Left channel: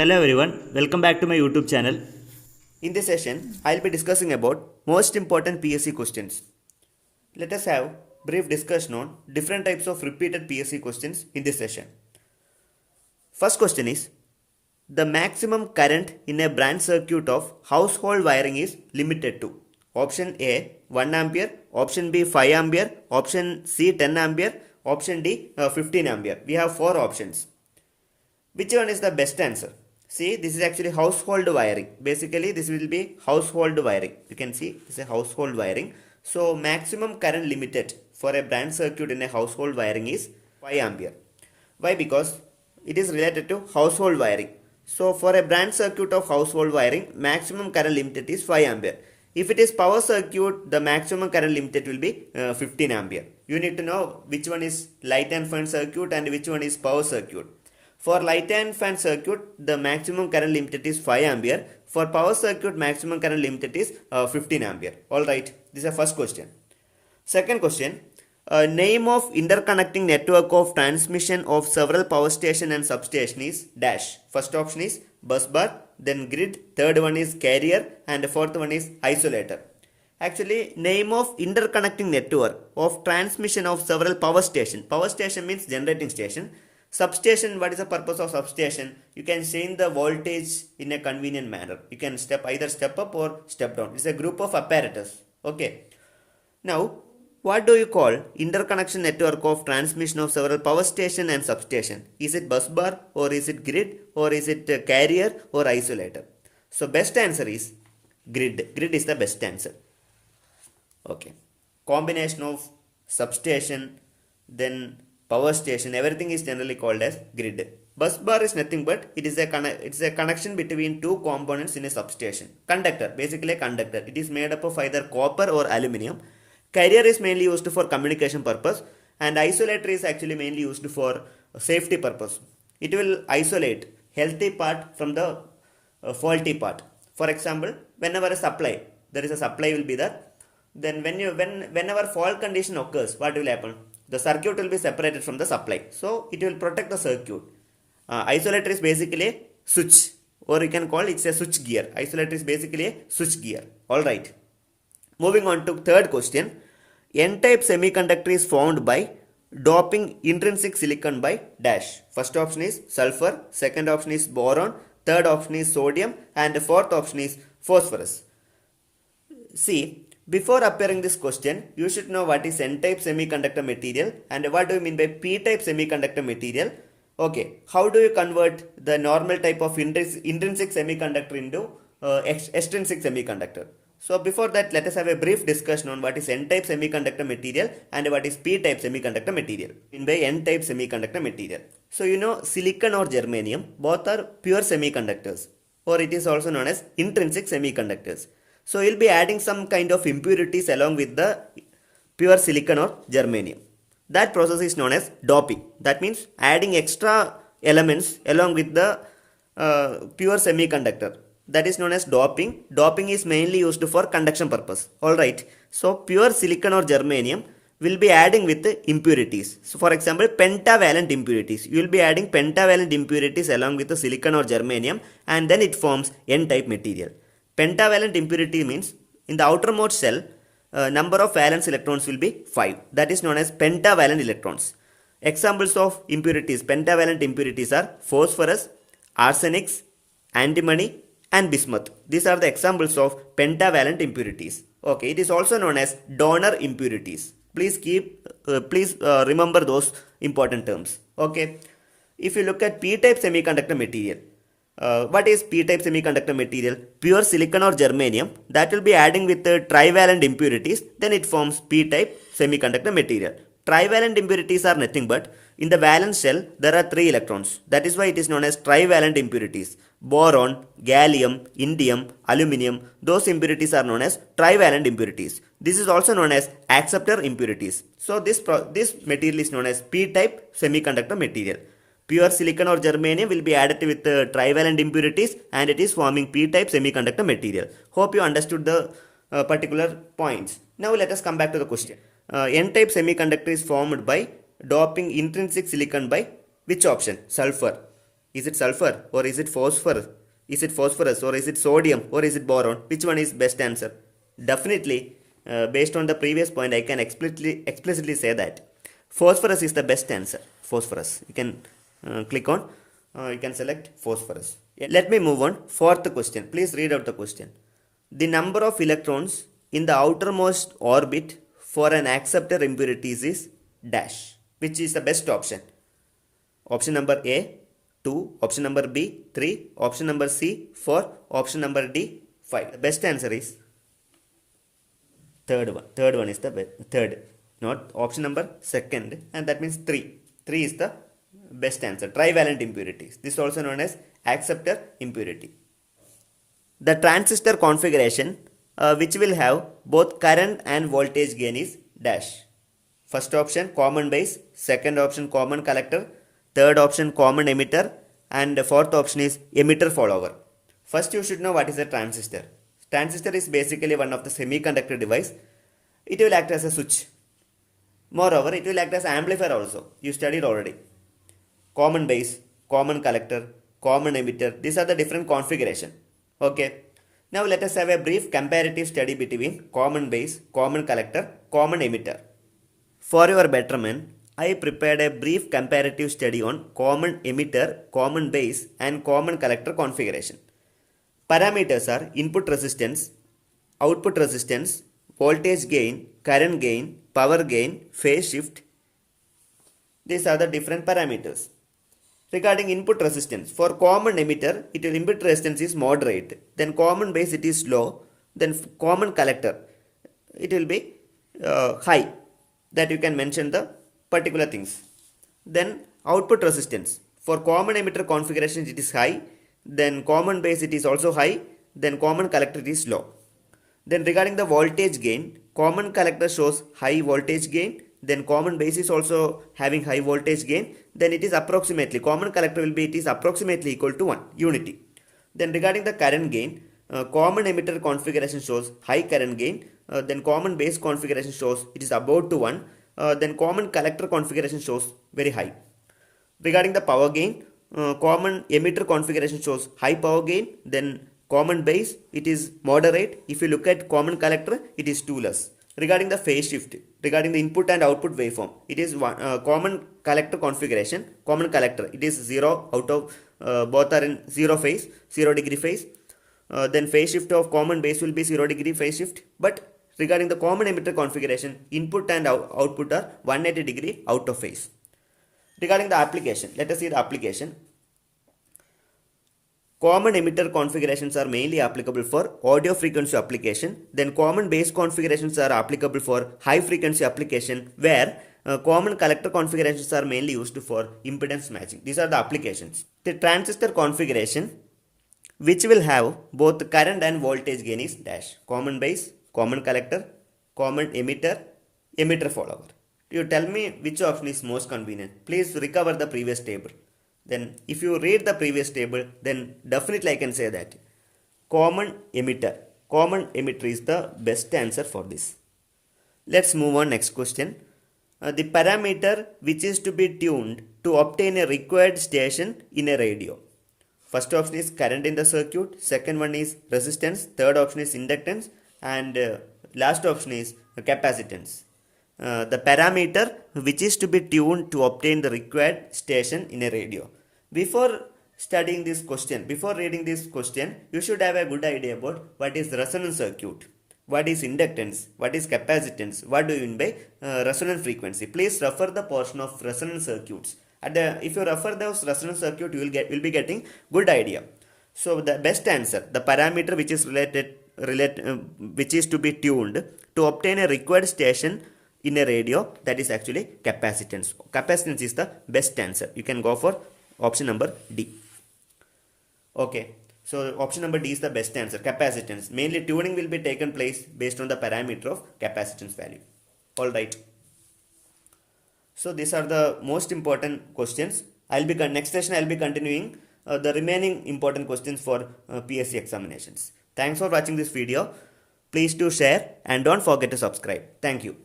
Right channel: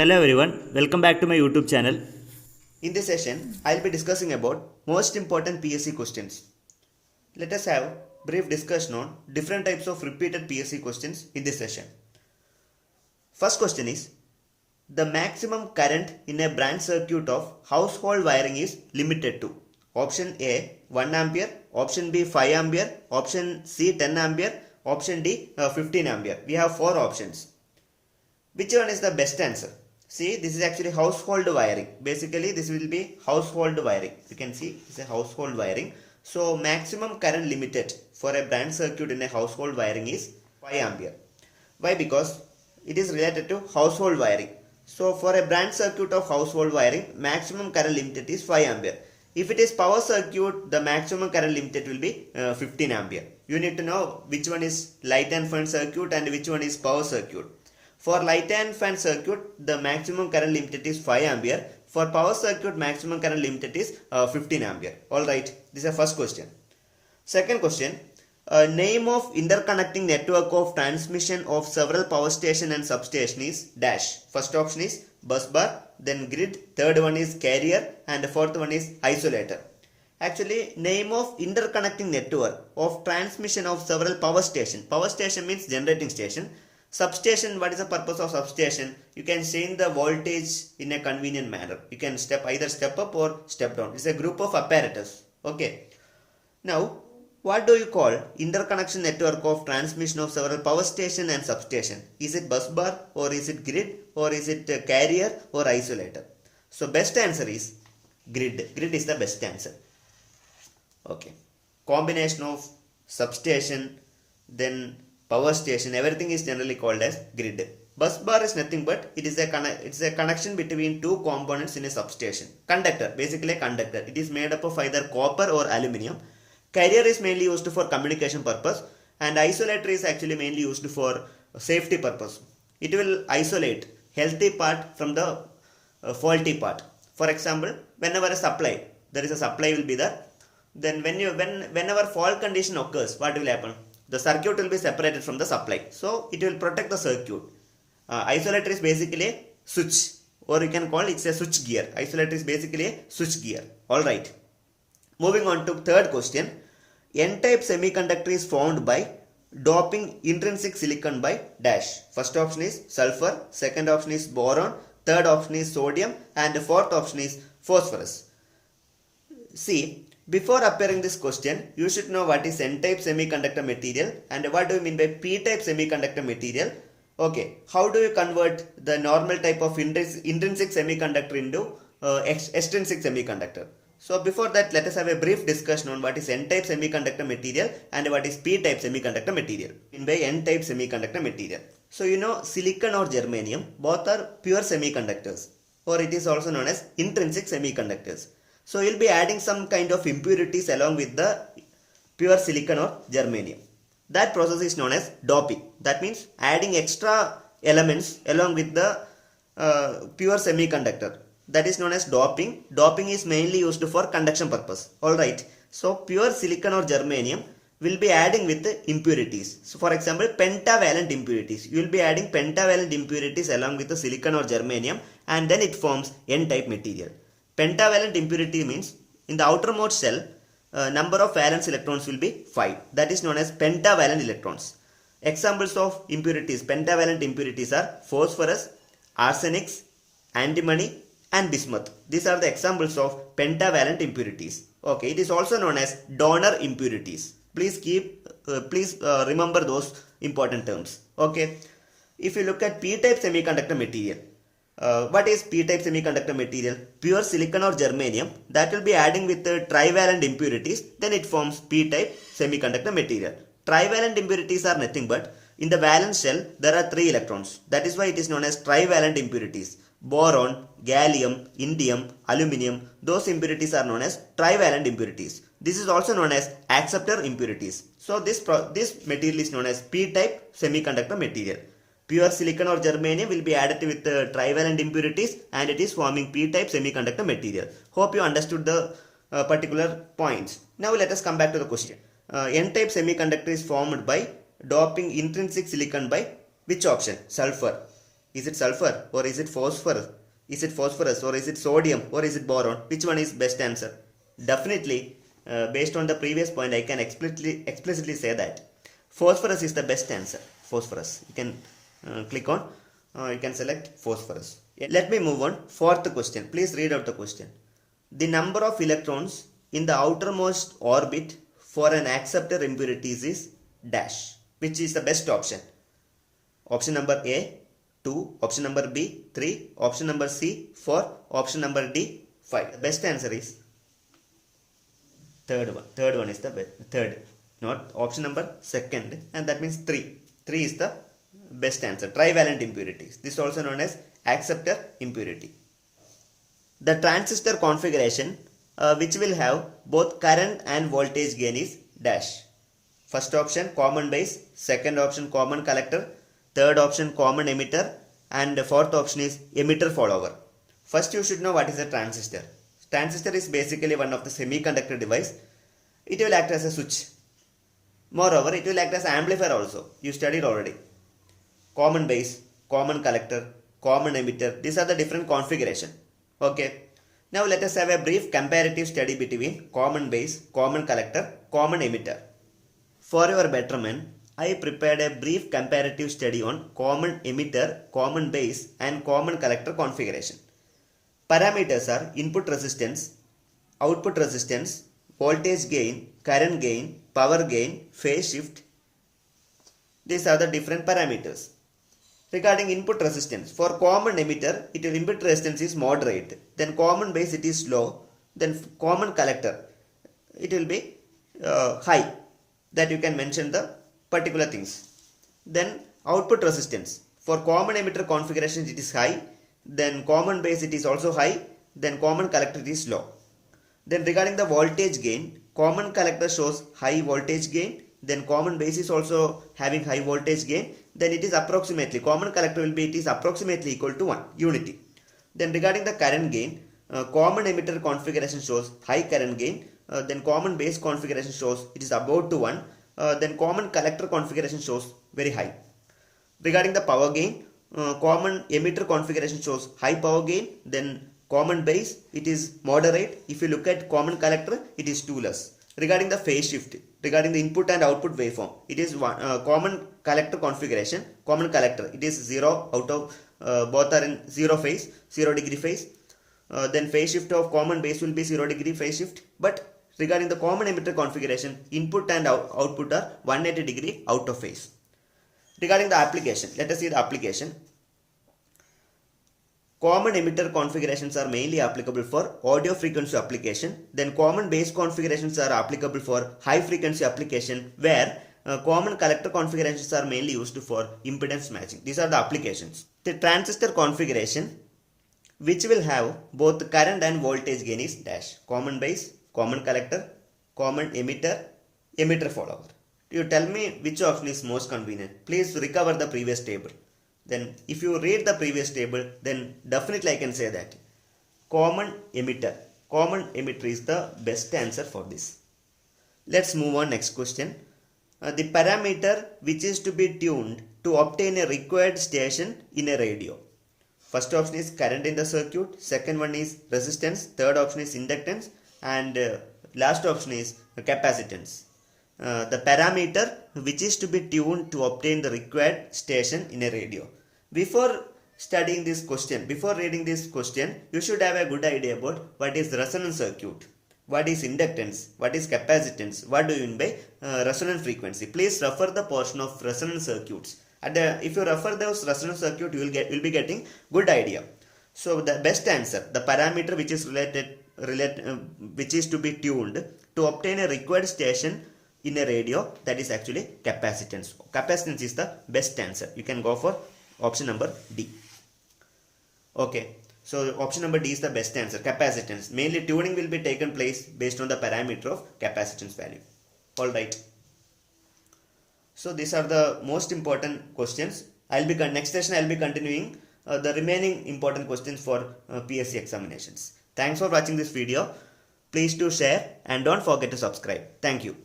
Hello everyone, welcome back to my YouTube channel. In this session, I will be discussing about most important PSC questions. Let us have brief discussion on different types of repeated PSC questions in this session. First question is, the maximum current in a branch circuit of household wiring is limited to option A 1 ampere, option B 5 ampere, option C 10 ampere, option D 15 ampere. We have 4 options. Which one is the best answer? See, this is actually household wiring. Basically, this will be household wiring. You can see this is a household wiring. So, maximum current limited for a branch circuit in a household wiring is 5 ampere. Why? Because it is related to household wiring. So, for a branch circuit of household wiring, maximum current limited is 5 ampere. If it is power circuit, the maximum current limited will be 15 ampere. You need to know which one is light and fan circuit and which one is power circuit. For light and fan circuit, the maximum current limited is 5 ampere. For power circuit, maximum current limited is 15 ampere. Alright, this is the first question. Second question, name of interconnecting network of transmission of several power station and substation is dash. First option is bus bar, then grid, third one is carrier, and the fourth one is isolator. Actually, name of interconnecting network of transmission of several power station. Power station means generating station. Substation, what is the purpose of substation? You can change the voltage in a convenient manner. You can either step up or step down. It's a group of apparatus. Okay. Now, what do you call interconnection network of transmission of several power station and substation? Is it bus bar or is it grid or is it carrier or isolator? So, best answer is grid. Grid is the best answer. Okay. Combination of substation, then power station, everything is generally called as grid. Bus bar is nothing but it's a connection between two components in a substation. Conductor, basically a conductor. It is made up of either copper or aluminium. Carrier is mainly used for communication purpose, and isolator is actually mainly used for safety purpose. It will isolate healthy part from the faulty part. For example, whenever a supply, there is a supply will be there. Then whenever fault condition occurs, what will happen? The circuit will be separated from the supply. So, it will protect the circuit. Isolator is basically a switch, or you can call it a switch gear. Isolator is basically a switch gear. Alright. Moving on to third question. N-type semiconductor is formed by doping intrinsic silicon by dash. First option is sulfur, second option is boron, third option is sodium, and the fourth option is phosphorus. See, before appearing this question, you should know what is N-type semiconductor material and what do you mean by P-type semiconductor material. Okay, how do you convert the normal type of intrinsic semiconductor into extrinsic semiconductor? So before that, let us have a brief discussion on what is N-type semiconductor material and what is P-type semiconductor material. In by N-type semiconductor material. So you know silicon or germanium, both are pure semiconductors, or it is also known as intrinsic semiconductors. So you'll be adding some kind of impurities along with the pure silicon or germanium. That process is known as doping. That means adding extra elements along with the pure semiconductor. That is known as doping. Doping is mainly used for conduction purpose. Alright. So pure silicon or germanium will be adding with the impurities. So for example, pentavalent impurities. You will be adding pentavalent impurities along with the silicon or germanium, and then it forms N-type material. Pentavalent impurity means in the outermost shell, number of valence electrons will be 5. That is known as pentavalent electrons. Examples of impurities, pentavalent impurities are phosphorus, arsenic, antimony, and bismuth. These are the examples of pentavalent impurities. Okay, it is also known as donor impurities. Please remember those important terms. Okay, if you look at P-type semiconductor material. What is P-type semiconductor material? Pure silicon or germanium that will be adding with the trivalent impurities, then it forms P-type semiconductor material. Trivalent impurities are nothing but in the valence shell there are 3 electrons. That is why it is known as trivalent impurities. Boron, gallium, indium, aluminium, those impurities are known as trivalent impurities. This is also known as acceptor impurities. So this material is known as P-type semiconductor material. Pure silicon or germanium will be added with trivalent impurities and it is forming P-type semiconductor material. Hope you understood the particular points. Now let us come back to the question. N-type semiconductor is formed by doping intrinsic silicon by which option? Sulfur. Is it sulfur or is it phosphorus? Is it phosphorus or is it sodium or is it boron? Which one is best answer? Definitely, based on the previous point, I can explicitly say that phosphorus is the best answer. Phosphorus. You can click on, you can select phosphorus. Let me move on. Fourth question. Please read out the question. The number of electrons in the outermost orbit for an acceptor impurities is dash. Which is the best option? Option number A, 2. Option number B, 3. Option number C, 4. Option number D, 5. The best answer is third one. Third one is the best. Third. Not option number second. And that means 3. 3 is the best answer. Trivalent impurities. This is also known as acceptor impurity. The transistor configuration which will have both current and voltage gain is dash. First option common base, second option common collector, third option common emitter, and the fourth option is emitter follower. First you should know what is a transistor. Transistor is basically one of the semiconductor device. It will act as a switch. Moreover, it will act as amplifier also. You studied already. Common base, common collector, common emitter. These are the different configuration. Okay. Now let us have a brief comparative study between common base, common collector, common emitter. For your betterment, I prepared a brief comparative study on common emitter, common base and common collector configuration. Parameters are input resistance, output resistance, voltage gain, current gain, power gain, phase shift. These are the different parameters. Regarding input resistance, for common emitter, input resistance is moderate. Then common base it is low. Then common collector, it will be high. That you can mention the particular things. Then output resistance, for common emitter configuration it is high. Then common base it is also high. Then common collector it is low. Then regarding the voltage gain, common collector shows high voltage gain. Then common base is also having high voltage gain. Then it is approximately, common collector will be, it is approximately equal to 1 unity. Then regarding the current gain, common emitter configuration shows high current gain. Then common base configuration shows it is about to 1. Then common collector configuration shows very high. Regarding the power gain, common emitter configuration shows high power gain. Then common base it is moderate. If you look at common collector, it is 2 less. Regarding the phase shift, regarding the input and output waveform, it is common collector configuration, common collector, it is 0 out of both are in 0 phase, 0 degree phase. Then phase shift of common base will be 0 degree phase shift. But regarding the common emitter configuration, input and output are 180 degree out of phase. Regarding the application, let us see the application. Common emitter configurations are mainly applicable for audio frequency application. Then common base configurations are applicable for high frequency application, where common collector configurations are mainly used for impedance matching. These are the applications. The transistor configuration which will have both current and voltage gain is dash. Common base, common collector, common emitter, emitter follower. You tell me which option is most convenient. Please recover the previous table. Then if you read the previous table, then definitely I can say that common emitter is the best answer for this. Let's move on next question. The parameter which is to be tuned to obtain a required station in a radio. First option is current in the circuit, second one is resistance, third option is inductance, and last option is capacitance. The parameter which is to be tuned to obtain the required station in a radio. Before studying this question, before reading this question, you should have a good idea about what is resonance circuit, what is inductance, what is capacitance, what do you mean by resonant frequency. Please refer the portion of resonance circuits. If you refer those resonance circuit, you will be getting good idea. So the best answer, the parameter which is which is to be tuned to obtain a required station in a radio, that is actually capacitance. Capacitance is the best answer. You can go for option number D. Okay, so option number D is the best answer, capacitance. Mainly tuning will be taken place based on the parameter of capacitance value. Alright. So these are the most important questions. Next session I will be continuing the remaining important questions for PSC examinations. Thanks for watching this video. Please do share and don't forget to subscribe. Thank you.